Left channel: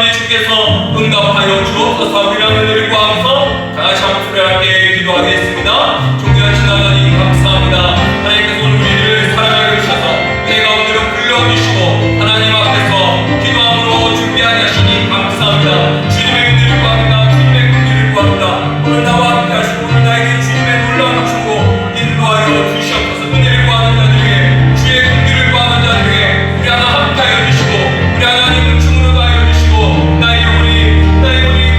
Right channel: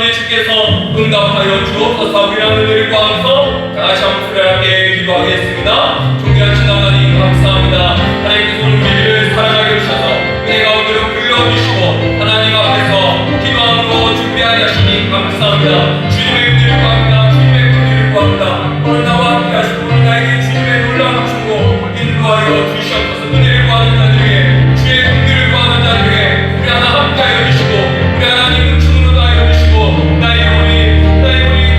아버지 주께서 응답하여 주옵소서. 우리 하늘을 구하면서 다시 한번 수련하게 기도하겠습니다. 존귀한 하나님 감사합니다. 하나님께서 오늘 우리를 사랑하게 해주셔서 은혜 가운데로 불러주시고 하나님 앞에서 기도함으로 준비하게 하시니 감사합니다. 주님의 은혜를 구합니다. 주님의 은혜를 구합니다. 오늘 나와 함께 하시고 오늘 나에게 주님의 놀라운 주고 인도하여 주시옵소서. 은혜를 구하는 자들에게 주의 은혜를 구하는 자들에게 우리 하나 함께하여 주시고 우리 하나님은 주로 하여 주시고 나의 영혼이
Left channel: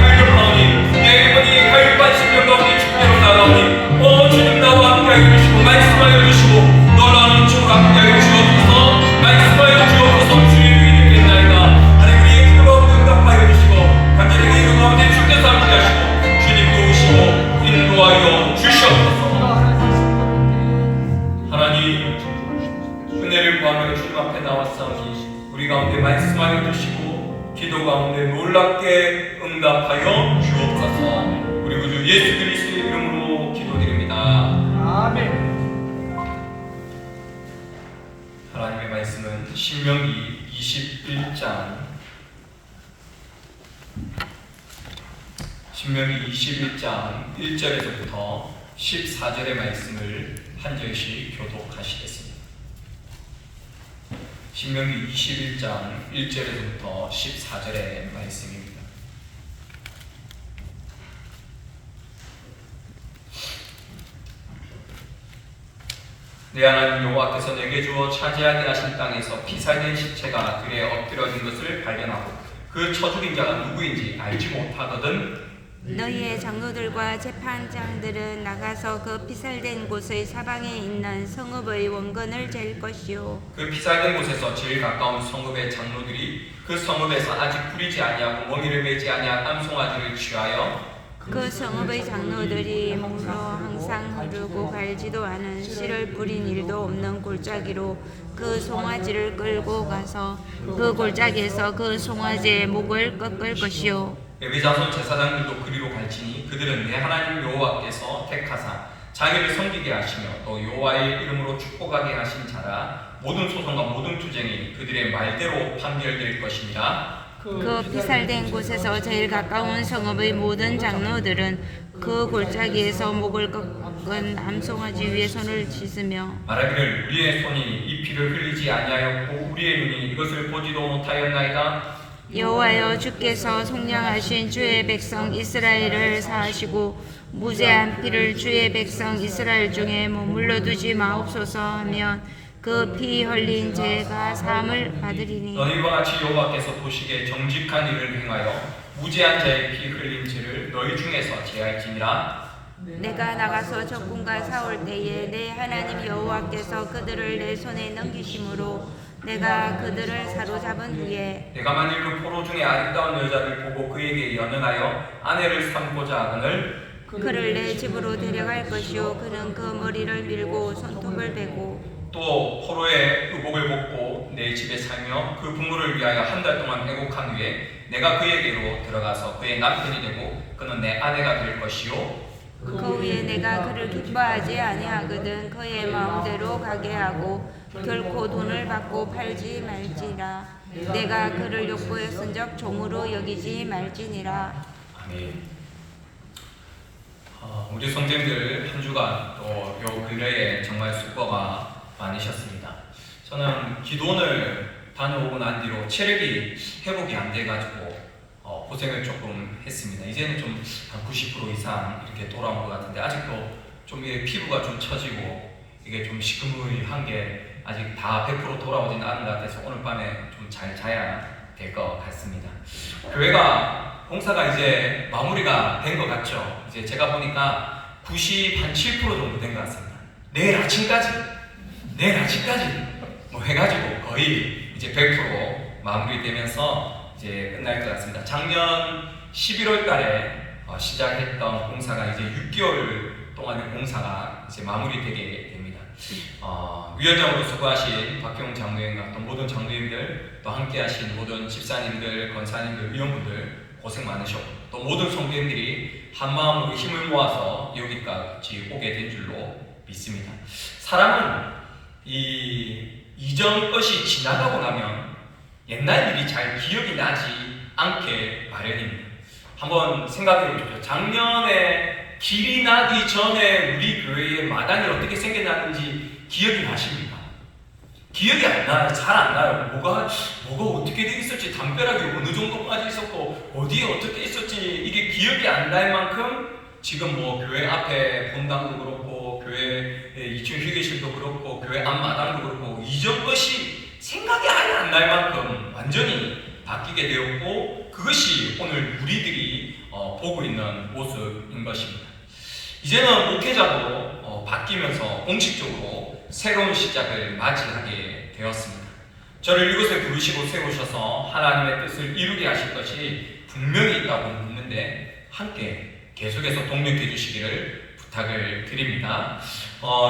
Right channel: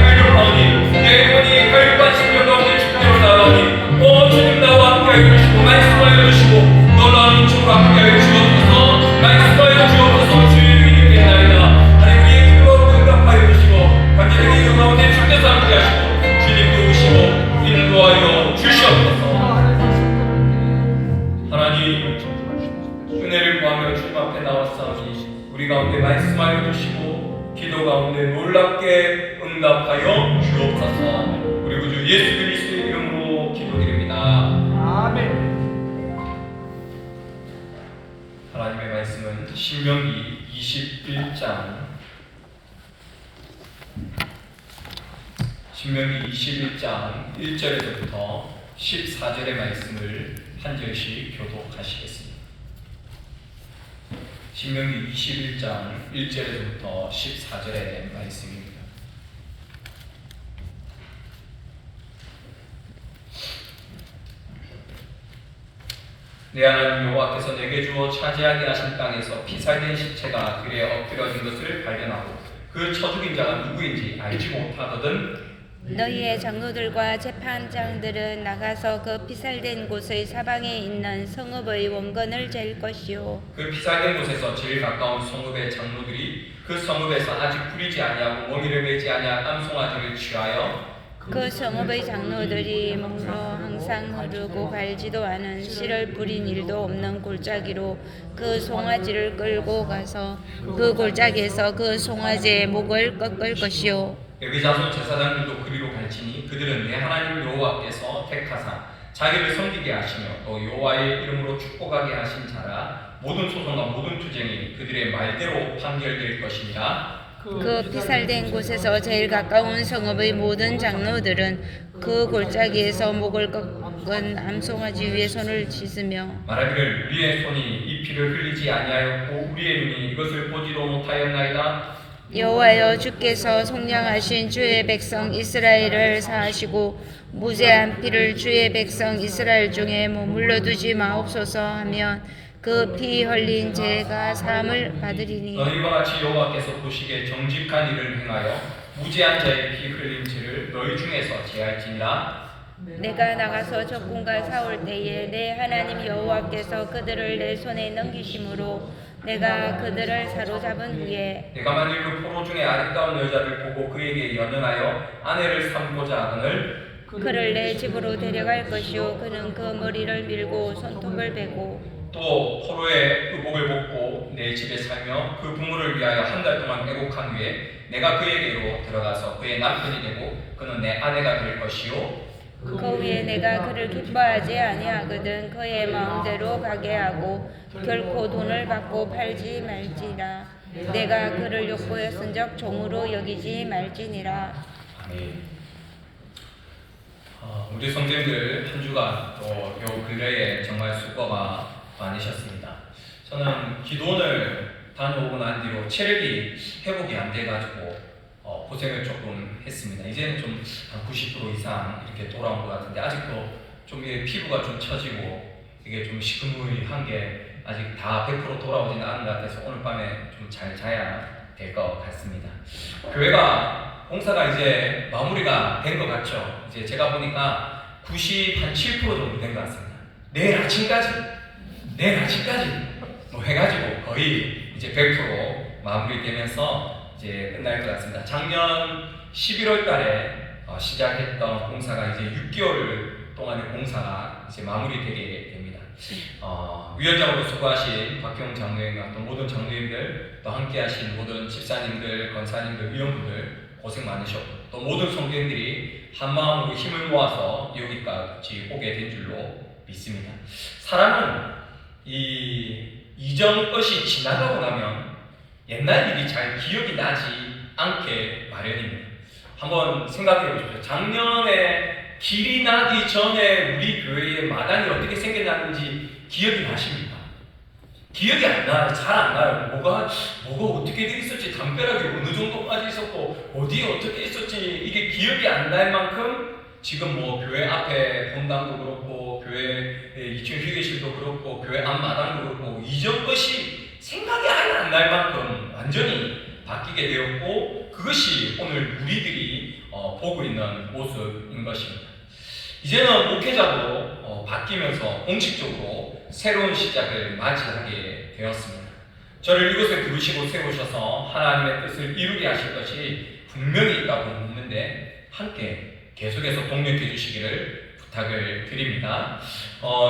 갈급하오니 내 영혼이 갈급한 심령 가운데 주께로 나아오니 오 주님 나와 함께하여 주시고 말씀하여 주시고 놀라운 인치로 함께하여 주옵소서. 말씀하여 주옵소서. 주의 이름이 있나이다. 하나님 우리의 기도로 응답하여 주시고 관계들의 그 가운데 주께서 함께하시고 주님 도우시고 인도하여 주시옵소서. 하나님 은혜를 구하며 주님 앞에 나왔사오니 우리 가운데 말씀하여 주시고 기도 가운데 놀랍게 응답하여 주옵소서. 우리 구주 예수 그리스도의 이름으로 기도드립니다. 아멘. 하나님의 말씀은 신명기 21장 1절에서부터 14절의 말씀을 한 절씩 교독하시겠습니다. 신명기 21장 1절에서부터 14절의 말씀입니다. 내 하나님 여호와께서 내게 주어 차지하게 하신 땅에서 피살된 시체가 들에 엎드려진 것을 발견하고 그 쳐죽인 자가 누구인지 알지 못하거든 너희의 장로들과 재판장들은 나가서 그 피살된 곳의 사방에 있는 성읍의 원건을 잴 것이요 그 피살된 곳에서 제일 가까운 성읍의 장로들이 그 성읍에서 아직 뿌리지 아니하고 멍이를 매지 아니한 암송아지를 취하여 그 성읍의 장로들이 물어 항상 흐르고 갈지도 않은 씨를 뿌린 일도 없는 골짜기로 그 송아지를 끌고 가서 그 골짜기에서 그 송아지의 목을 꺾을 것이요 레위 자손 제사장들도 그리로 갈지니 그들은 내 하나님 여호와께서 택하사 자기를 섬기게 하시며 또 여호와의 이름으로 축복하게 하신 자라 모든 소송과 모든 투쟁이 그들의 말대로 판결될 것이니라. 그 피살된 곳에서 제일 가까운 성읍의 모든 장로들은 그 골짜기에서 목을 꺾은 암송아지 위에 손을 씻으며 말하기를 우리의 손이 이 피를 흘리지 아니하였고 우리의 눈이 이것을 보지도 못하였나이다. 여호와여 주께서 속량하신 주의 백성 이스라엘을 사하시고 무죄한 피를 주의 백성 이스라엘 중에 머물러 두지 마옵소서 하면 그 피 흘린 죄가 사함을 받으리니 너희와 같이 여호와께서 보시기에 정직한 일을 행하여 무죄한 자의 피 흘린 죄를 너희 중에서 제할지니라. 내가 나가서 적군과 싸울 때에 내 하나님 여호와께서 그들을 내 손에 넘기심으로 내가 그들을 사로잡은 후에 내가 만일 그 포로 중에 아름다운 여자를 보고 그에게 연연하여 아내를 삼고자 하거늘 그를 내 집으로 데려갈 것이요 그는 그 머리를 밀고 손톱을 베고 또 포로의 의복을 벗고 내 집에 살며 그 부모를 위하여 한 달 동안 애곡한 후에 내가 그에게로 들어가서 그의 남편이 되고 그는 내 아내가 될 것이요 그 후에 내가 그를 기뻐하지 아니하거든 그의 마음대로 가게 하고 결코 돈을 받고 팔지 말지라 내가 그를 욕보였은적 종으로 여기지 말지니라. 아멘. 우리 성도님들 한 주간 또 요 근래에 정말 수고가 많으셨습니다. 저는 기도원을 다녀오고 난 뒤로 체력이 회복이 안 돼가지고 고생을 조금 했습니다. 이제는 좀 한 90% 이상 이렇게 돌아온 것 같은데 아직도 좀 피부가 좀 처지고 이게 좀 시큰둥한 게 아직 다 100% 돌아오진 않은 것 같아서 오늘 밤에 좀 잘 자야 될 것 같습니다. 교회가 공사가 이제 마무리가 된 것 같죠. 이제 제가 보니까 97% 정도 된 것 같습니다. 내일 아침까지 뭐 해가지고 거의 이제 100% 마무리되면서 이제 끝날 것 같습니다. 작년 11월 달에 시작했던 공사가 이제 6개월 동안의 공사가 이제 마무리되게 됩니다. 위원장으로 수고하신 박형 장로님과 또 모든 장로님들 또 함께하신 모든 집사님들, 권사님들, 위원분들 고생 많으셨고 또 모든 성도님들이 한마음으로 힘을 모아서 여기까지 오게 된 줄로 믿습니다. 사람은 이 이전 것이 지나가고 나면 옛날 일이 잘 기억이 나지 않게 마련입니다. 한번 생각해 보십시오. 작년에 길이 나기 전에 우리 교회의 마당이 어떻게 생겨났는지 기억이 나십니까? 기억이 안 나요. 잘 안 나요. 뭐가 어떻게 돼 있었지, 담벼락이 어느 정도까지 있었고 어디에 어떻게 있었지, 이게 기억이 안 날 만큼 지금 뭐 교회 앞에 본당도 그렇고 교회 2층 휴게실도 그렇고 교회 앞마당도 그렇고 이전 것이 생각이 아예 안 날 만큼 완전히 바뀌게 되었고, 그것이 오늘 우리들이 보고 있는 모습인 것입니다. 이제는 목회자로 바뀌면서 공식적으로 새로운 시작을 맞이하게 되었습니다. 저를 이곳에 부르시고 세우셔서 하나님의 뜻을 이루게 하실 것이 분명히 있다고 묻는데 함께 계속해서 동력해 주시기를 부탁을 드립니다.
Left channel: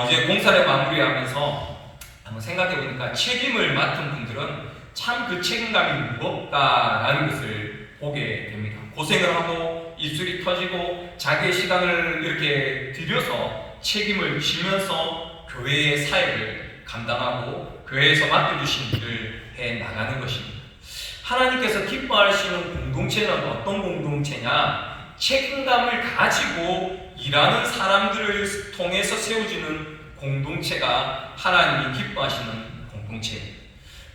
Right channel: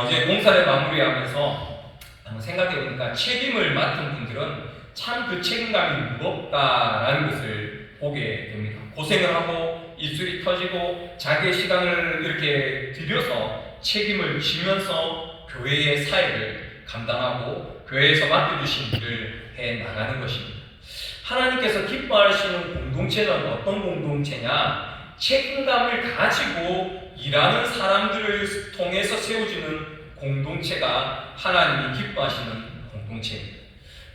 이제 공사를 마무리하면서 한번 생각해 보니까 책임을 맡은 분들은 참 그 책임감이 무겁다라는 것을 보게 됩니다. 고생을 하고 입술이 터지고 자기의 시간을 이렇게 들여서 책임을 지면서 교회의 사역을 감당하고 교회에서 맡겨주신 일을 해나가는 것입니다. 하나님께서 기뻐하시는 공동체는 어떤 공동체냐? 책임감을 가지고 일하는 사람들을 통해서 세워주는 공동체가 하나님이 기뻐하시는 공동체입니다.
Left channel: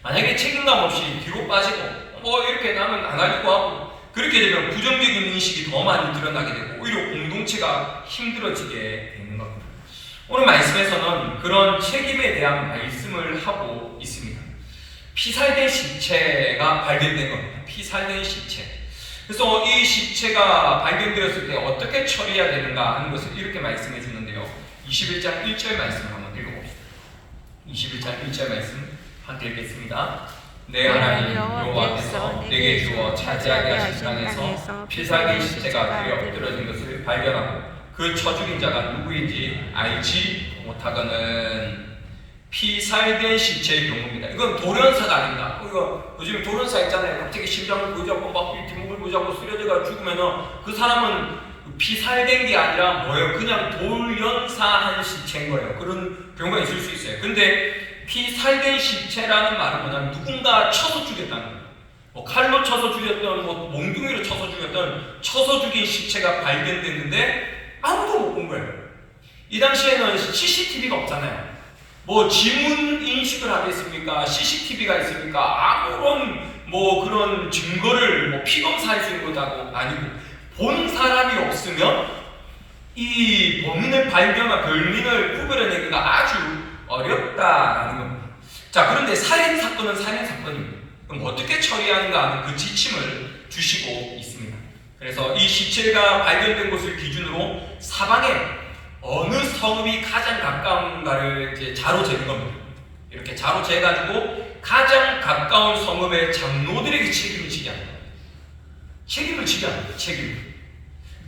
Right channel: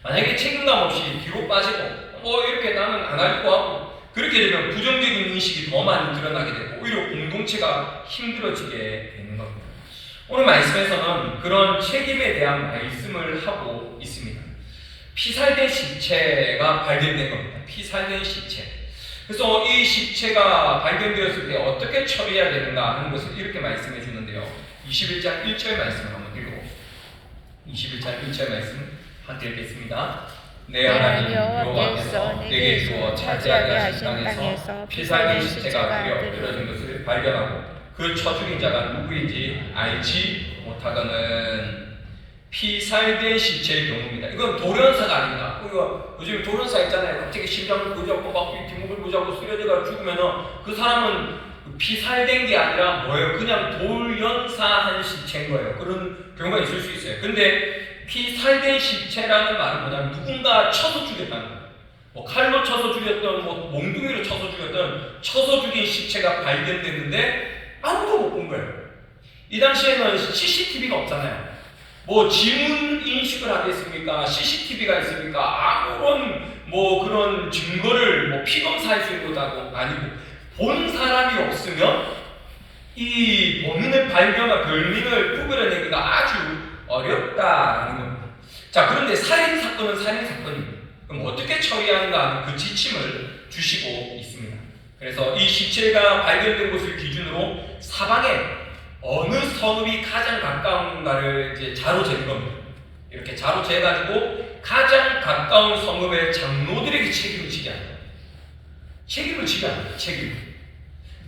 만약에 책임감 없이 뒤로 빠지고 이렇게 나는 안 하려고 하고 그렇게 되면 부정적인 인식이 더 많이 드러나게 되고 오히려 공동체가 힘들어지게 되는 겁니다. 오늘 말씀에서는 그런 책임에 대한 말씀을 하고 있습니다. 피살된 시체가 발견된 겁니다. 피살된 시체. 그래서 이 시체가 발견되었을 때 어떻게 처리해야 되는가 하는 것을 이렇게 말씀해 주는데요. 21장 1절 말씀을 한번 읽어봅시다. 21장 1절 말씀 함께 읽겠습니다. 내 하나님 여호와께서 내게 주어 차지하게 하신 땅에서 피살된 시체가 그려 엎드러진 것을 발견하고 그 쳐 죽인 자가 누구인지 알지 못하거는. 피살된 시체의 경우입니다. 이건 돌연사가 아닙니다. 이거 요즘 돌연사 있잖아요. 갑자기 심장을 부여잡고 막 뒷목을 부여잡고 쓰러져가 죽으면은 그 사람은 피살된 게 아니라 뭐예요? 그냥 돌연사한 시체인 거예요. 그런 경우가 있을 수 있어요. 근데 피살된 시체라는 말은 뭐냐면 누군가 쳐서 죽였다는 거예요. 뭐 칼로 쳐서 죽였던, 뭐 몽둥이로 쳐서 죽였던, 쳐서 죽인 시체가 발견됐는데 아무도 못 본 거예요. 이 당시에는 CCTV가 없잖아요. 뭐 지문 인식을 하겠습니까? CCTV가 있습니까? 아무런 뭐 그런 증거를 뭐 피검사할 수 있는 것도 아니고 본 사람이 없으면 이 범인을 발견하고 별민을 구별해내기가 아주 어렵다라는 겁니다. 자, 그런데 살인사건은 살인사건입니다. 그럼 어떻게 처리하는가 하는 그 지침을 주시고 있습니다. 그래서 이 시체가 발견된 곳을 기준으로 사방에 어느 성읍이 가장 가까운가를 이제 자로 재는 겁니다. 이렇게 자로 재가지고 가장 가까운 성읍의 장로들에게 책임을 지게 합니다. 책임을 지게 합니다.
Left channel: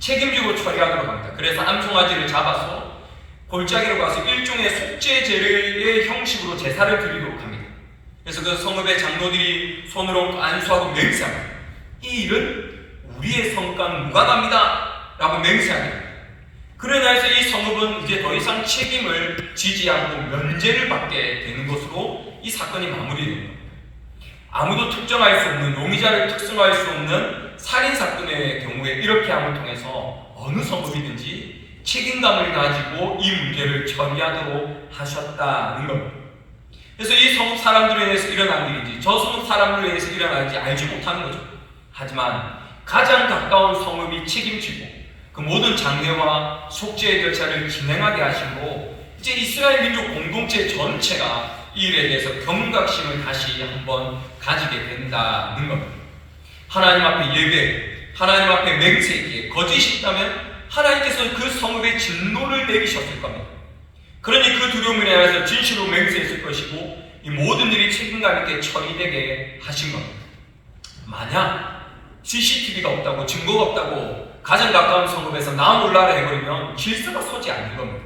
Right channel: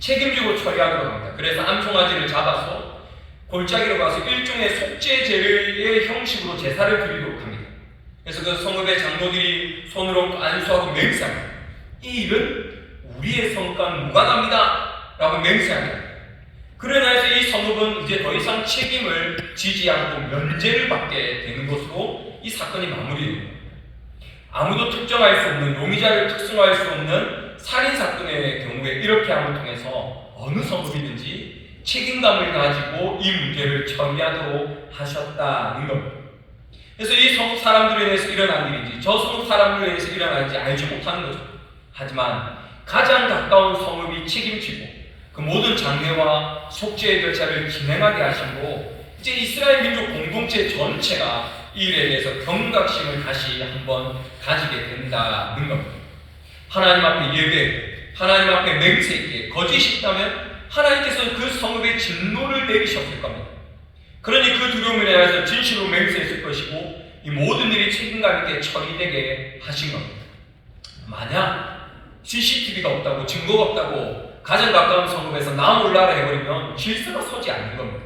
책임지고 처리하도록 합니다. 그래서 암송아지를 잡아서 골짜기로 가서 일종의 속죄제의 형식으로 제사를 드리도록 합니다. 그래서 그 성읍의 장로들이 손으로 안수하고 맹세합니다. 이 일은 우리의 성과는 무관합니다 라고 맹세합니다. 그러나 이 성읍은 이제 더 이상 책임을 지지 않고 면제를 받게 되는 것으로 이 사건이 마무리됩니다. 아무도 특정할 수 없는, 용의자를 특정할 수 없는 살인사건의 경우에 이렇게 함을 통해서 어느 성읍이든지 책임감을 가지고 이 문제를 처리하도록 하셨다는 겁니다. 그래서 이 성읍 사람들에 의해서 일어난 일인지 저 성읍 사람들에 의해서 일어난 일인지 알지 못하는 거죠. 하지만 가장 가까운 성읍이 책임지고 그 모든 장례와 속죄의 절차를 진행하게 하시고 이제 이스라엘 민족 공동체 전체가 이 일에 대해서 경각심을 다시 한번 가지게 된다는 겁니다. 하나님 앞에 예배, 하나님 앞에 맹세기에 거짓이 있다면 하나님께서 그 성읍에 진노를 내리셨을 겁니다. 그러니 그 두려움에 대해서 진실로 맹세했을 것이고 이 모든 일이 책임감 있게 처리되게 하신 겁니다. 만약 CCTV가 없다고, 증거가 없다고 가장 가까운 성읍에서 나 몰라라 해버리면 질서가 서지 않는 겁니다.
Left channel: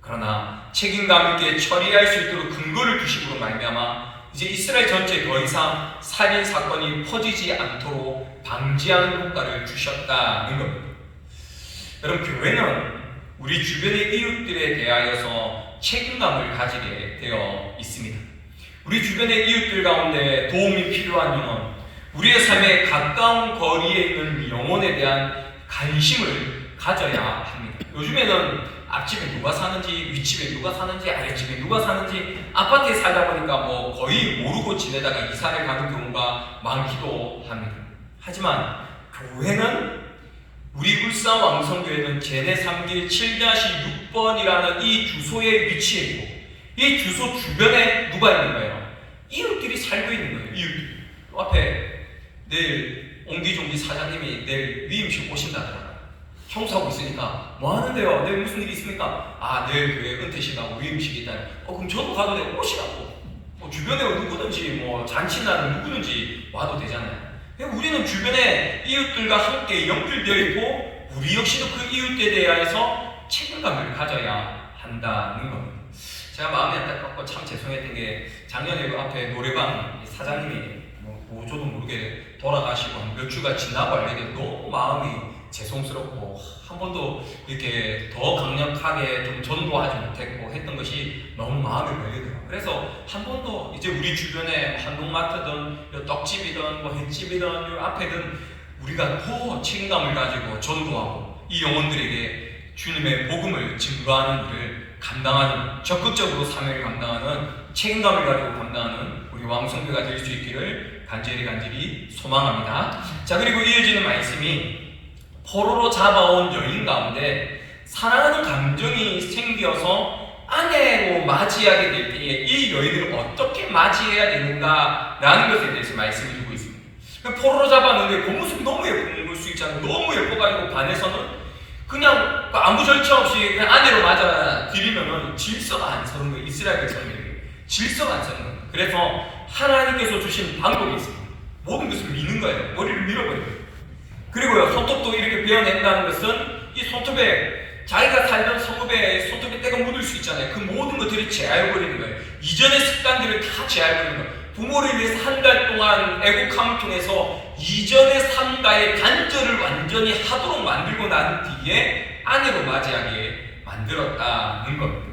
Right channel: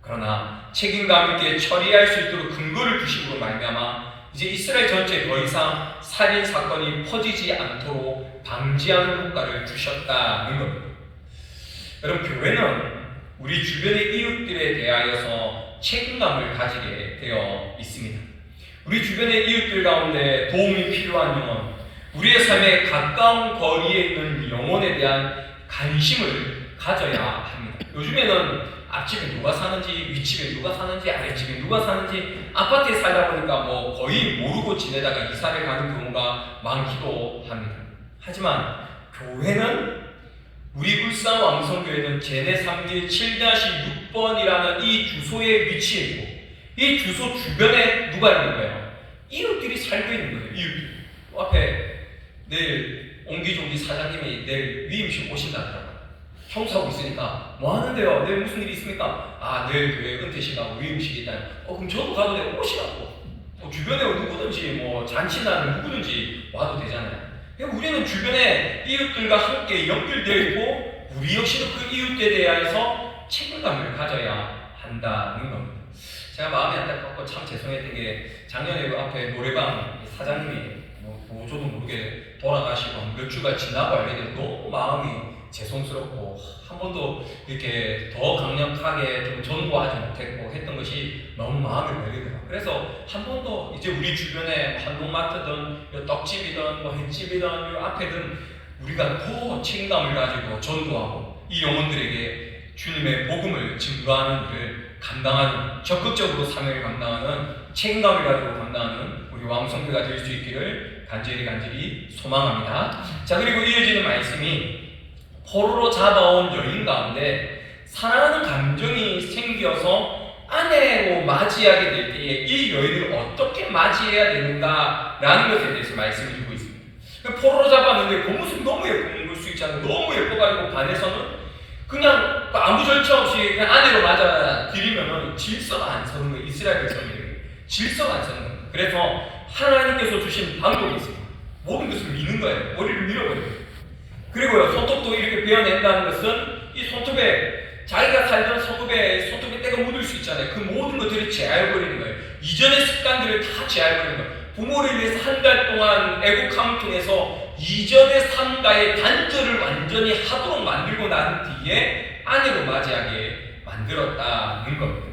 그러나 책임감 있게 처리할 수 있도록 근거를 주시고 말미암아 이제 이스라엘 전체에 더 이상 살인 사건이 퍼지지 않도록 방지하는 효과를 주셨다는 겁니다. 여러분, 교회는 우리 주변의 이웃들에 대하여서 책임감을 가지게 되어 있습니다. 우리 주변의 이웃들 가운데 도움이 필요하면 우리의 삶에 가까운 거리에 있는 영혼에 대한 관심을 가져야 합니다. 요즘에는 앞집에 누가 사는지, 윗집에 누가 사는지, 아랫집에 누가 사는지, 아파트에 살다 보니까 뭐 거의 모르고 지내다가 이사를 가는 경우가 많기도 합니다. 하지만 교회는, 우리 울산 왕성교회는 제내 3길 7-6번이라는 이 주소에 위치해 있고, 이 주소 주변에 누가 있는 거예요? 이웃들이 살고 있는 거예요. 이웃들. 앞에 내일 옹기종기 사장님이 내일 위임식 오신다더라고요. 청소하고 있으니까 뭐 하는데요? 내일 무슨 일이 있습니까? 아, 내일 교회 은퇴식하고 위임식이 있다. 그럼 저도 가도 되고 오시라고. 뭐 주변에 누구든지 뭐 잔치나는 누구든지 와도 되잖아요. 우리는 주변에 이웃들과 함께 연결되어 있고, 우리 역시도 그 이웃에 대해서 책임감을 가져야 한다는 겁니다. 제가 마음이 안타깝고 참 죄송했던 게, 작년에 그 앞에 노래방 사장님이 뭐 저도 모르게 돌아가시고 몇 주가 지나고 알게 되고 너무 마음이 죄송스럽고, 한 번도 이렇게 더 강력하게 좀 전도하지 못했고 했던 것이 너무 마음에 걸리더라고요. 그래서 한 번도 이제 우리 주변에 한국마트든 떡집이든 뭐 횟집이든 앞에든 우리가 더 책임감을 가지고 전도하고 이 영혼들에게 주님의 복음을 증거하는 일을 감당하는, 적극적으로 사명을 감당하는, 책임감을 가지고 감당하는 우리 왕성교가 될 수 있기를 간절히 소망합니다. 자, 그리고 이어지는 말씀이 포로로 잡아온 여인 가운데 사랑하는 감정이 생겨서 아내로 맞이하게 될 때에 이 여인을 어떻게 맞이해야 되는가라는 것에 대해서 말씀을 주고 있습니다. 포로로 잡았는데 그 모습이 너무 예쁜 수 있잖아요. 너무 예뻐가지고 반해서는 그냥 아무 절차 없이 그냥 아내로 맞아 드리면은 질서가 안 서는 거예요. 이스라엘 백성들에게 질서가 안 서는 거예요. 그래서 하나님께서 주신 방법이 있습니다. 모든 것을 미는 거예요. 머리를 밀어버려요. 그리고요, 손톱도 이렇게 베어낸다는 것은 이 손톱에 자기가 살던 성읍에 손톱에 때가 묻을 수 있잖아요. 그 모든 것들을 제할버리는 거예요. 이전의 습관들을 다 제할버리는 거예요. 부모를 위해서 한 달 동안 애국함을 통해서 이전의 삶과의 단절을 완전히 하도록 만들고 난 뒤에 아내로 맞이하게 만들었다는 겁니다.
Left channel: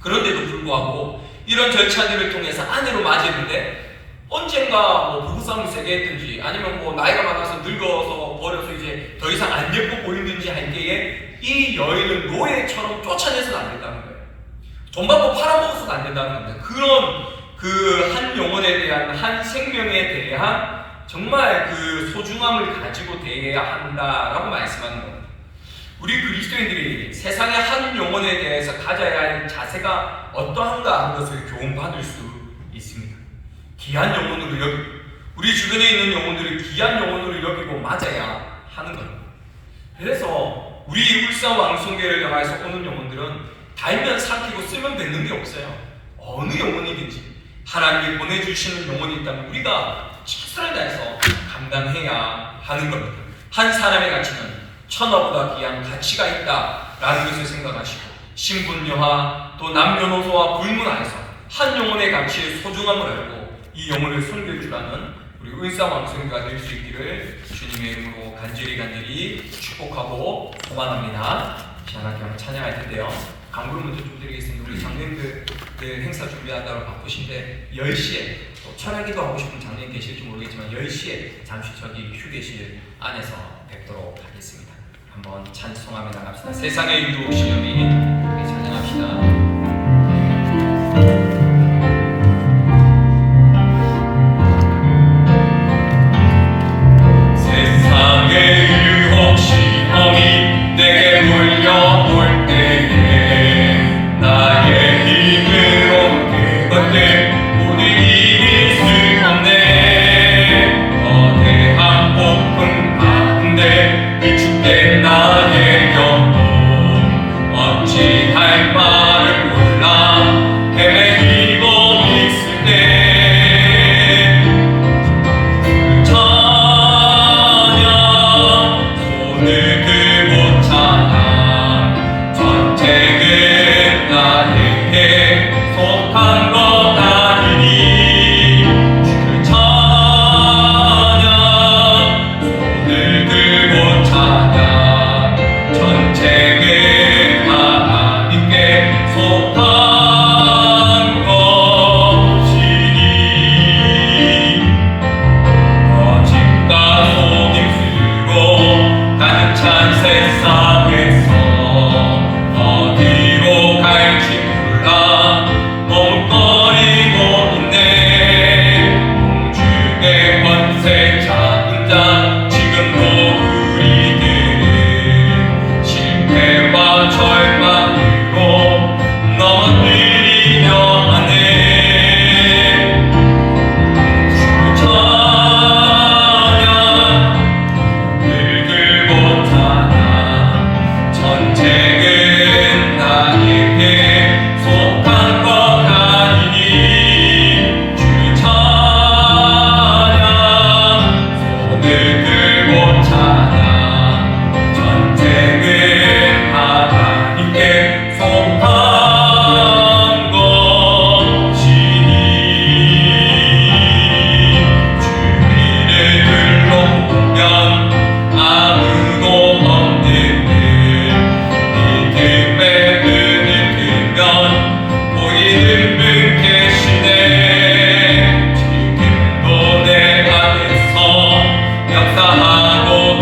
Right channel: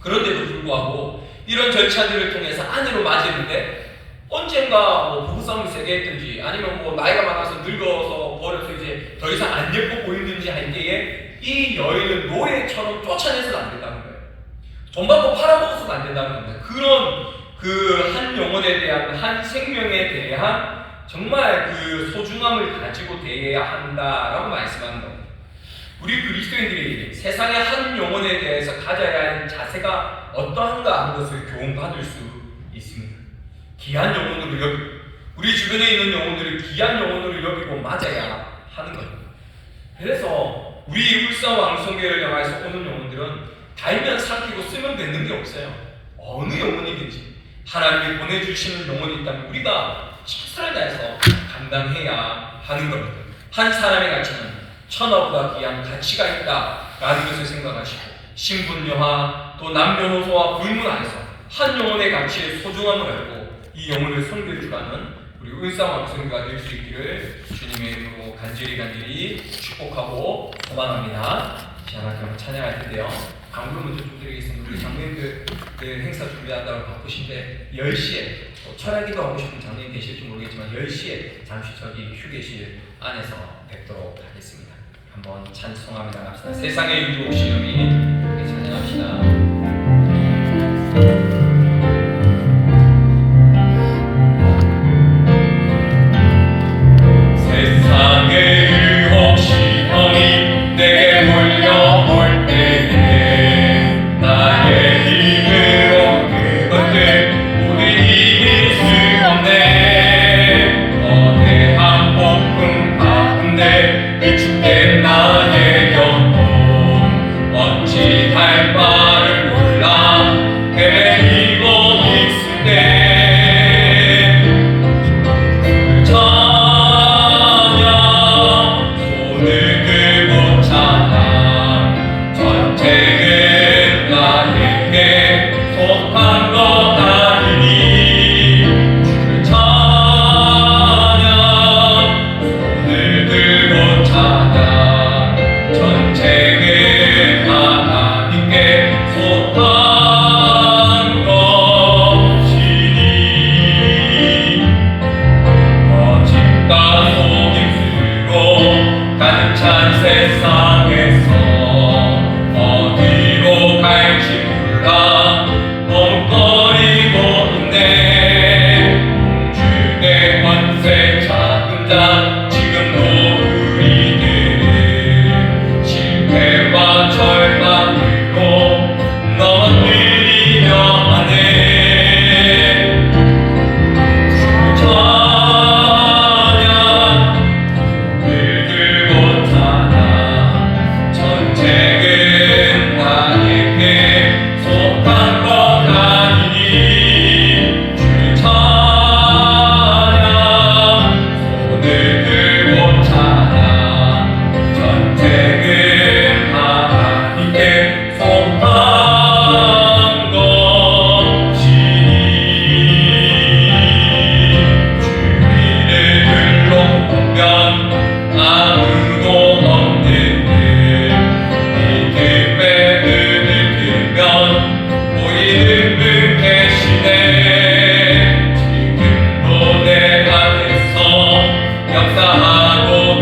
그런데도 불구하고 이런 절차들을 통해서 아내로 맞이했는데, 언젠가 뭐 부부싸움이 세게 했든지 아니면 뭐 나이가 많아서 늙어서 버려서 이제 더 이상 안 예뻐 보이든지 할 때에 이 여인을 노예처럼 쫓아내서는 안 된다는 거예요. 돈 받고 팔아먹어서는 안 된다는 겁니다. 그런 그 한 영혼에 대한, 한 생명에 대한 정말 그 소중함을 가지고 대해야 한다라고 말씀하는 겁니다. 우리 그리스도인들이 세상의 한 영혼에 대해서 가져야 할 자세가 어떠한가 하는 것을 교훈받을 수 있습니다. 귀한 영혼으로 여기고, 우리 주변에 있는 영혼들을 귀한 영혼으로 여기고 맞아야 하는 겁니다. 그래서 우리 울산 왕성교회를 향해서 오는 영혼들은 달면 삼키고 쓰면 뱉는 게 없어요. 어느 영혼이든지 하나님이 보내주시는 영혼이 있다면 우리가 최선을 다해서 감당해야 하는 겁니다. 한 사람의 가치는 천하보다 귀한 가치가 있다라는 것을 생각하시고, 신분여하 또 남녀노소와 불문 안에서 한 영혼의 가치의 소중함을 알고 이 영혼을 섬겨주라는 우리 울산 왕성교가 될 수 있기를 주님의 이름으로 간절히 축복하고 소망합니다. 시원하게 찬양할 텐데요. 광고를 먼저 좀 드리겠습니다. 우리 장로님들 행사 준비한다고 바쁘신데 10시에 철학기도 하고 싶은 장로님 계실지 모르겠지만 10시에 잠시 저기 휴게실 안에서 뵙도록 하겠습니다. 한번 찬송하며 나갑시다. 세상의 이유 없이 여기 찬양합시다. 어찌할 바를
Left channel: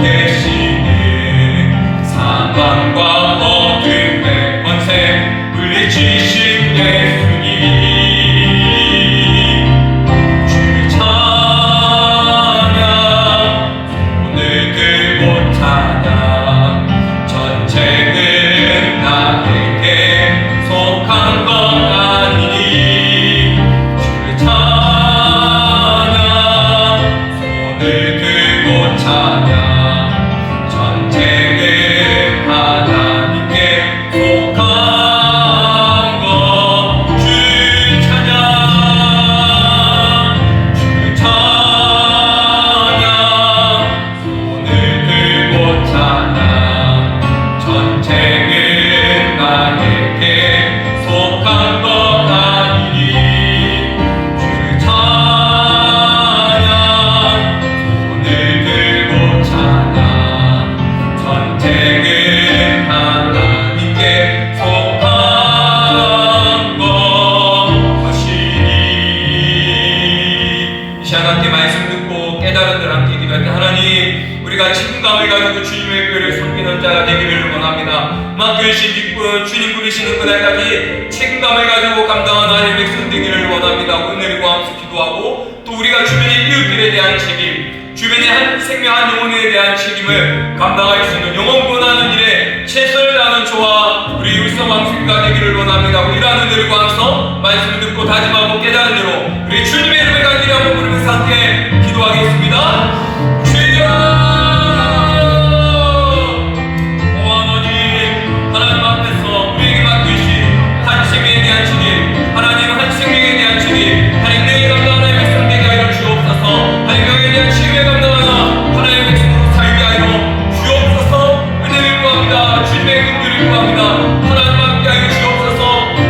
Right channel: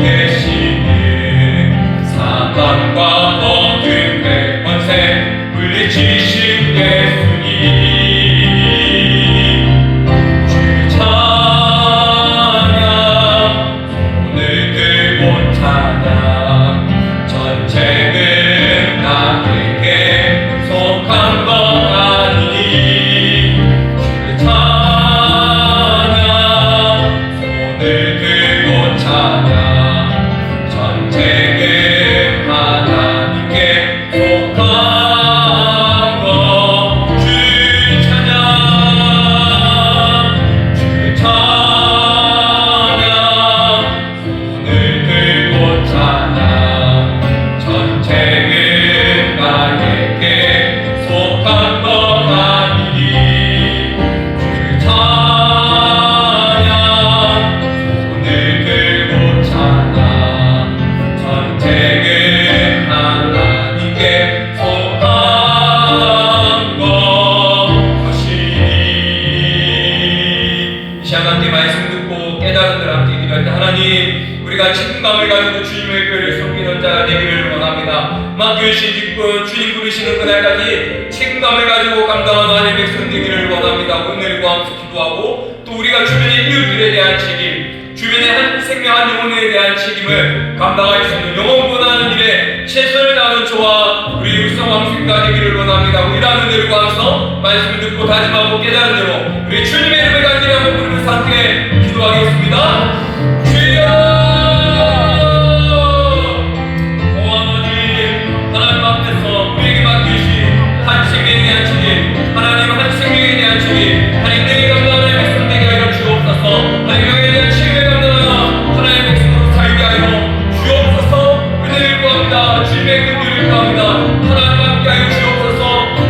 계시는 사망과 어둠의 권세 물리치신 예수님 주의 찬양 오늘 들고 찬양 전쟁은 나에게 속한 것 아니니 주의 찬양 손을 들고 찬양 전쟁은 하나님께 속한 것 주의 찬양 주의 찬양 손을 들고 찬양 전쟁은 나에게 속한 것 아니니 주의 찬양 손을 들고 찬양 전쟁은 하나님께 속한 것이니 이 시간 함께 말씀 듣고 깨달은 들 함께 기도할 때 하나님 우리가 책임감을 가지고 주님의 교회를 섬기는 자 되기를 원합니다. 맡겨주신 기쁨 주님 부르시는 그날까지 책임감을 가지고 감당하는 하나님의 백성 되기를 원합니다. 오늘 구하면서 기도하고 또 우리가 주변의 이웃들에 대한 책임 주변의 한 생명 한 영혼에 대한 책임을 감당할 수 있는 영혼 구원하는 일에 최선을 다하는 저와 우리 육성왕수가 되기를 원합니다. 이러한 은혜를 구하면서 말씀을 듣고 다짐하고 깨달은 대로 우리 주님의 이름을 간절히 한번 부르면서 함께 기도하겠습니다. 주여 하나님 앞에서 우리에게 맡기신 한 생명에 대한 책임 하나님 한 생명에 대한 책임 하나님 내게 감당하는 백성 되게 하여 주옵소서 하나님 너에 대한 책임을 감당하는 하나님의 백성으로 살게 하여 주옵소서 은혜를 구합니다. 주님의 긍휼을 구합니다. 하나님 함께 하여 주옵소서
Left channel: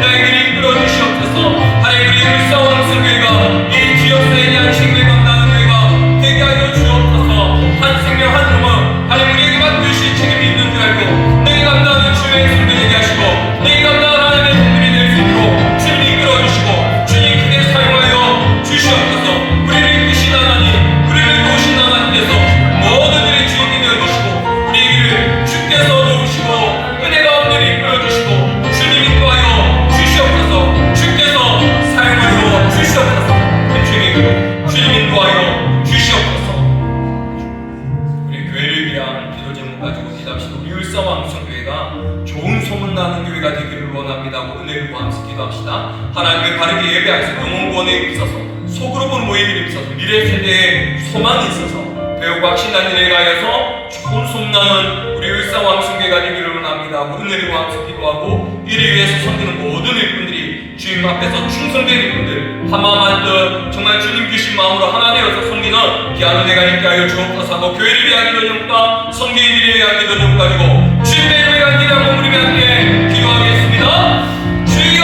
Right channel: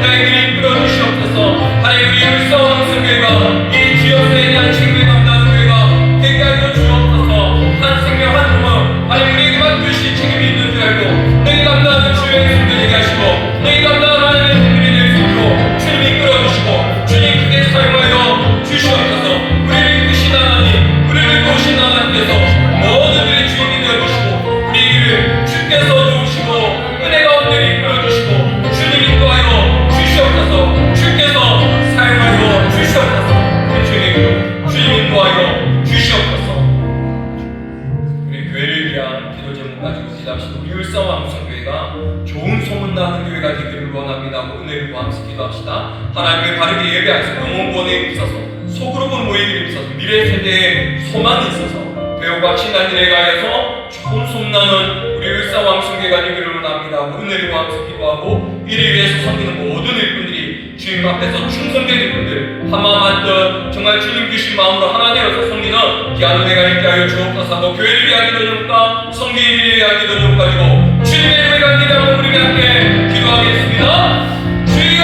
너희들이 이끌어 주시옵소서 하나님 우리 일사원 성교회가 이 지역사에 대한 책임을 감당하는 교회가 되게 하여 주옵소서 한 생명 한 영혼 하나님 우리에게 맡기신 책임이 있는 줄 알고 너희 감당하는 주의 성교되게 하시고 너희 감당하는 하나님의 국민이 될 수 있도록 주님이 이끌어주시고 주님 크게 사용하여 주시옵소서 우리를 이끄신 하나님 우리를 도우신 하나님께서 모든 일의 주인이 되어주시고 우리 길을 주께서 도우시고 은혜 가운데 이끌어주시고 주님 인도하여 주시옵소서 주께서 사용하여 주시옵소서 주님 인도하여 주시옵소서 우리 교회를 위한 기도 제목 가지고 기도합시다. 우리 울산왕성교회가 좋은 소문나는 교회가 되기를 원합니다. 은혜를 구하면서 기도합시다. 하나님을 바르게 예배하면서 영혼 구원에 있어서 속으로 본 모이기를 있어서 미래 세대에 소망이 있어서 배우고 확신한 일에 가해서 좋은 소문나는 우리 울산왕성교회가 되기를 원합니다. 은혜를 구하면서 기도하고 이를 위해서 섬기는 모든 일꾼들이 주님 앞에서 충성된 일꾼들 한마음 한뜻 정말 주님 주신 마음으로 하나 되어서 섬기는 귀한 은혜가 있게 하여 주옵소서 하고 교회를 위한 기도 제목과 섬기인들을 위한 기도 제목 가지고 주님의 이름을 간절히 한번 우리 함께 기도하겠습니다. 주여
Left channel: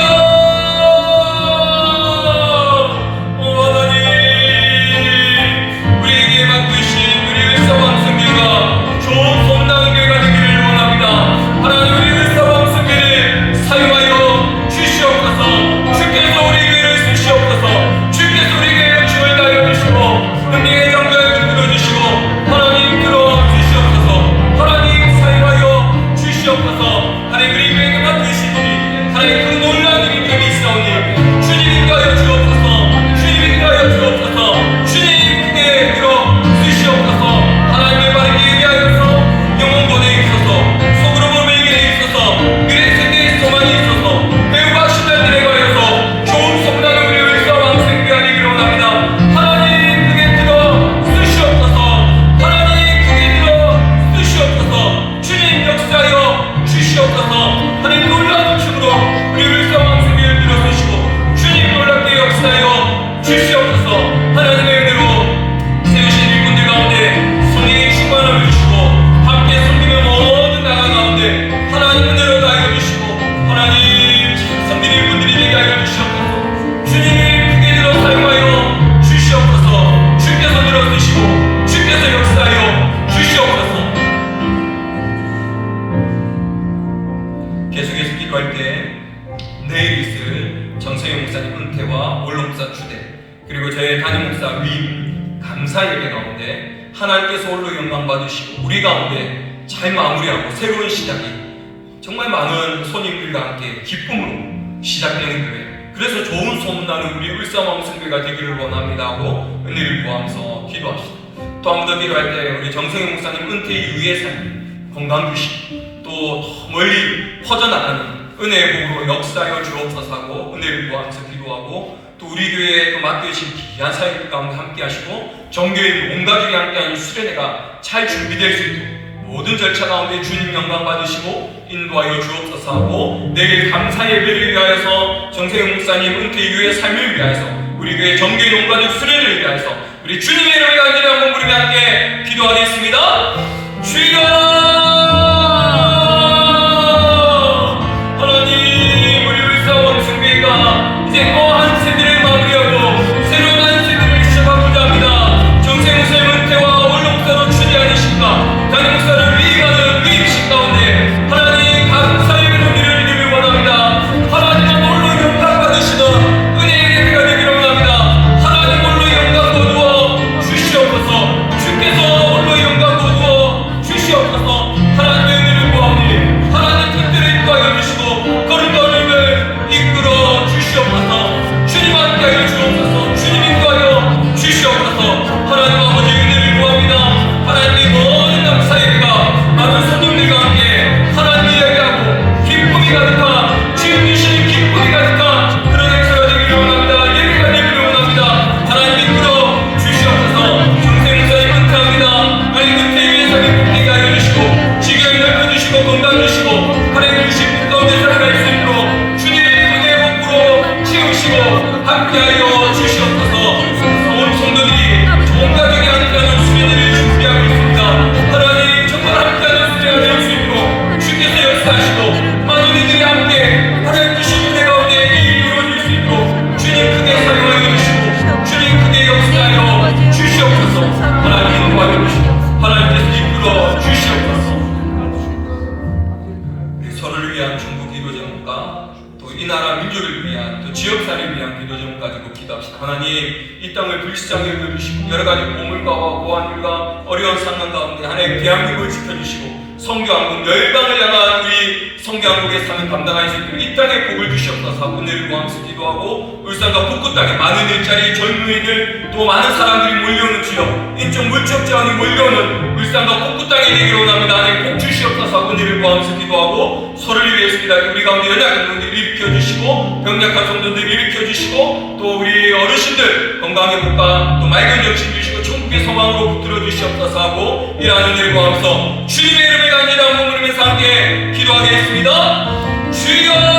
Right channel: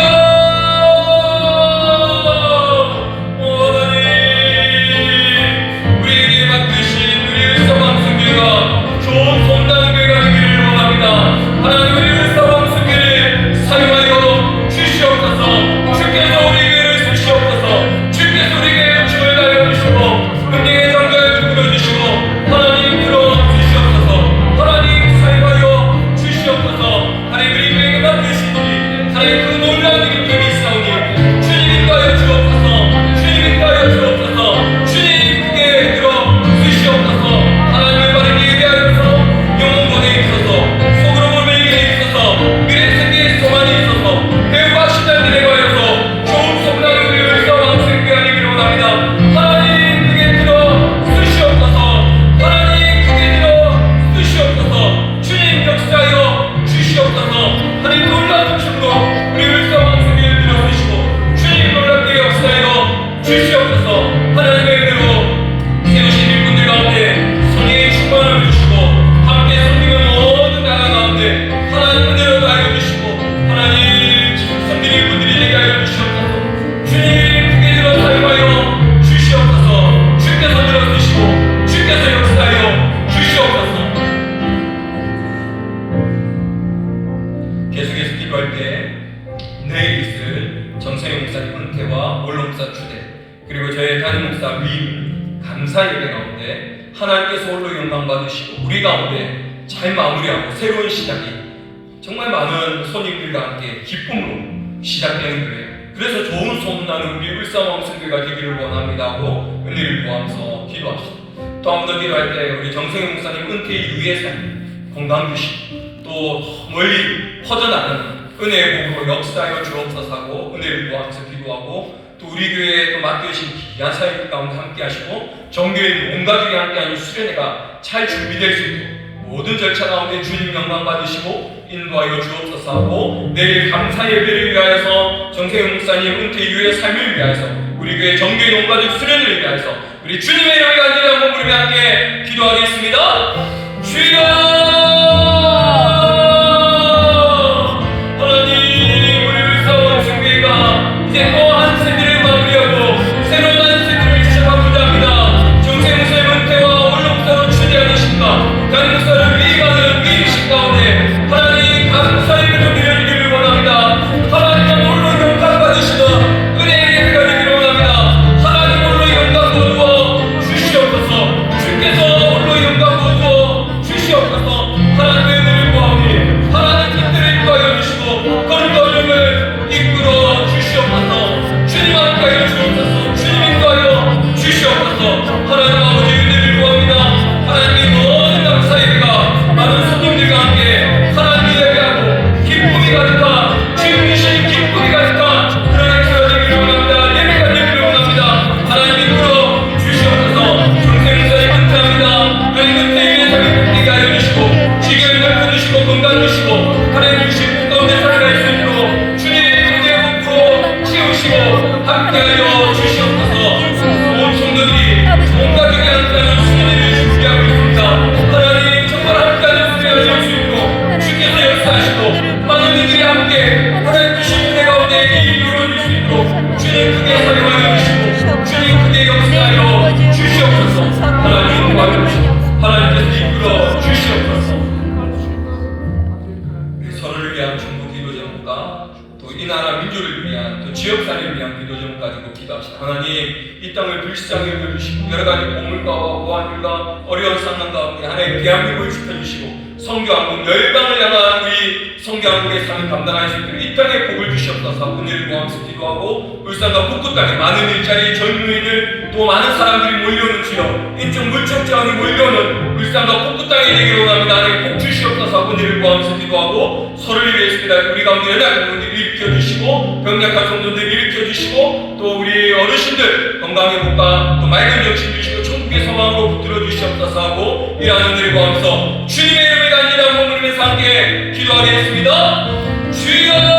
하나님 우리에게 맡기신 우리 울산왕성교회가 좋은 소문나는 교회가 되기를 원합니다. 하나님 우리 울산왕성교회를 사용하여 주시옵소서 주께서 우리 교회를 쓰시옵소서 주께서 우리에게 욕심을 당해 주시고 은혜의 강가를 끌어주시고 하나님 끌어주시옵소서 하나님 사용하여 주시옵소서 하나님 우리 교회에게 맡기신 일이 하나님 그 놀라운 일이 있사오니 주님 인도하여 주옵소서 주님 인도하여 주옵소서 주님 크게 들어주시옵소서 하나님을 바르게 예배하여서 영혼 구원에 있어서 속으로 보는 일에 있어서 미래 세계의 소망이 있어서 배우고 하신다는 일에 관해서 좋은 성당을 우리 울산왕성교회 되기를 원합니다. 하나님 크게 들어주시옵소서 하나님 크게 들어주시옵소서 주님 역사하여 주시옵소서 하나님 놀라운 춤으로 우리 울산왕성교회를 들어주시고 주님 놀랍게 역사하여 주시옵소서 하나님의 은혜로 세우신 일꾼들 가운데 성령의 충만함을 주시고 함께 섬기는 모든 나라 가운데 하나님 은혜로 다하여 주시고 하나님 섬기는 일꾼들이 되게 하여 주시옵소서 주님 크게 들어 사용하여 주시옵소서 주께서 들어주시고 주께서 역사하여 주시옵소서 계속해서 기도할 때 내일 있을 정세용 목사님 은퇴와 원로 목사 추대 그리고 저희 담임 목사 위임 감사 예배 가운데 하나님께서 홀로 영광 받으시고 우리 가운데 잘 마무리하고 새로운 시작이 정말 많은 손님들과 함께 기쁨으로 시작되는 교회, 그래서 좋은 소문나는 우리 울산왕성교회가 되기를 원합니다 하고 은혜를 구하면서 기도합시다. 또 한 번 더 기도할 때 우리 정성현 목사님 은퇴 이후의 삶 건강 주시고 또 멀리 퍼져나가는 은혜의 복으로 역사하여 주옵소서 하고 은혜를 구하면서 기도하고, 또 우리 교회에 또 맡겨주신 귀한 사역들 가운데 함께 하시고 정교인 온 가족이 함께하는 수련회가 잘 준비될 수 있도록 모든 절차 가운데 주님 영광 받으시고 인도하여 주옵소서 하고, 내일 감사 예배를 위하여서 정세영 목사님 은퇴 이후의 삶을 위하여서 우리 교회 정교인 온 가족 수련회를 위하여서 우리 주님의 이름을 간절히 한번 부르며 함께 기도하겠습니다. 주여 이제 또 한 세대를 마무리하고 새로운 한 세대를 시작하고자 합니다. 정세영 목사님 은퇴와 원로목사로 취재하니신가 다른 목사를 위임하는 위임신 가운데 하나님 감사 예배를 드리기를 원합니다. 하나님 홀로 영광 받으시는 은혜의 예배가 되기를 원합니다. 하나님 홀로 영광 거두어 주시옵소서. 주께서 홀로 영광 거두어 주시옵소서. 하나님의 은혜를 구하오니 하나님 뜻대로 인도하여 주시고 거룩한 일을 이끌어 주시옵소서. 주님 함께하여 주옵소서. 주님 인도하여 주시옵소서. 하나님 아버지 은혜를 구합니다. 하나님의 모든 감사 예배가 많은 손님들과 함께 하나님 이야기하고 기쁨이 가득한 주님 주시는 기쁨이 가득한 그런 행사가 되기를 원합니다. 예배가 되기를 원합니다. 하나님 이끌어 주시옵소서. 중생 목사님 은퇴합니다. 하나님 은퇴에 위해 삶이 끝내게 하여 주시고 지경을 넓혀주시고 건강 주시고 하나님 주신 가운데 살아갈 수 있도록 주님의 은혜의 복으로 채우시고 함께하여 주시옵소서. 온 성도들이 좋은 가족이 함께하는 수련회를 준비하고 있습니다. 하나님 정말 함께하는 수련회가 될 수 있도록 주께서 역사하시고 많은 이들이 함께 하나님 주신 은혜 가운데 이 일이 이루어질 수 있도록 주님 크게 사용하여 주시고 주님 크게 역사하여 주시옵소서. 하나님 도와주시고 하나님께서 이끌어 주시옵소서. 서로를 위한 중국 기도 제목과 또 이 나라 민족을 위한 또 지역사회를 위한 기도 제목 가지고 기도합시다. 하나님 이 땅을 불시장에 여겨주시고 여러 가지 보물과 보안들과 어려운 상황 가운데 하나님 대한민국을 지켜주시고 성교한국 열방을 향한 우리 성교한국의 삶을 감당할 수 있도록 이 땅에 복을 주시옵소서. 은혜를 구하면서 기도하고 울산과 북구 땅에 많은 일자리 젊은이들 또 많은 사람들이 몰려오는지요 인적 물적 제한이 몰려오는 울산과 북구 땅에 되기를 원합니다. 하나님 복 주시옵소서. 은혜를 구하면서 기도하고 서로를 위해서입니다. 우리 가운데 연약한 분들 일으켜주시고 병약한 성도들 일으켜주시고 또 우리 어르신들 건강의 복과 또 맑은 정신 주시고 천국의 소망으로 붙들어 주시옵소서 하고 이러한 은혜를 구하면서 주님의 이름을 간절히 한번 부르면서 함께 기도하겠습니다. 주여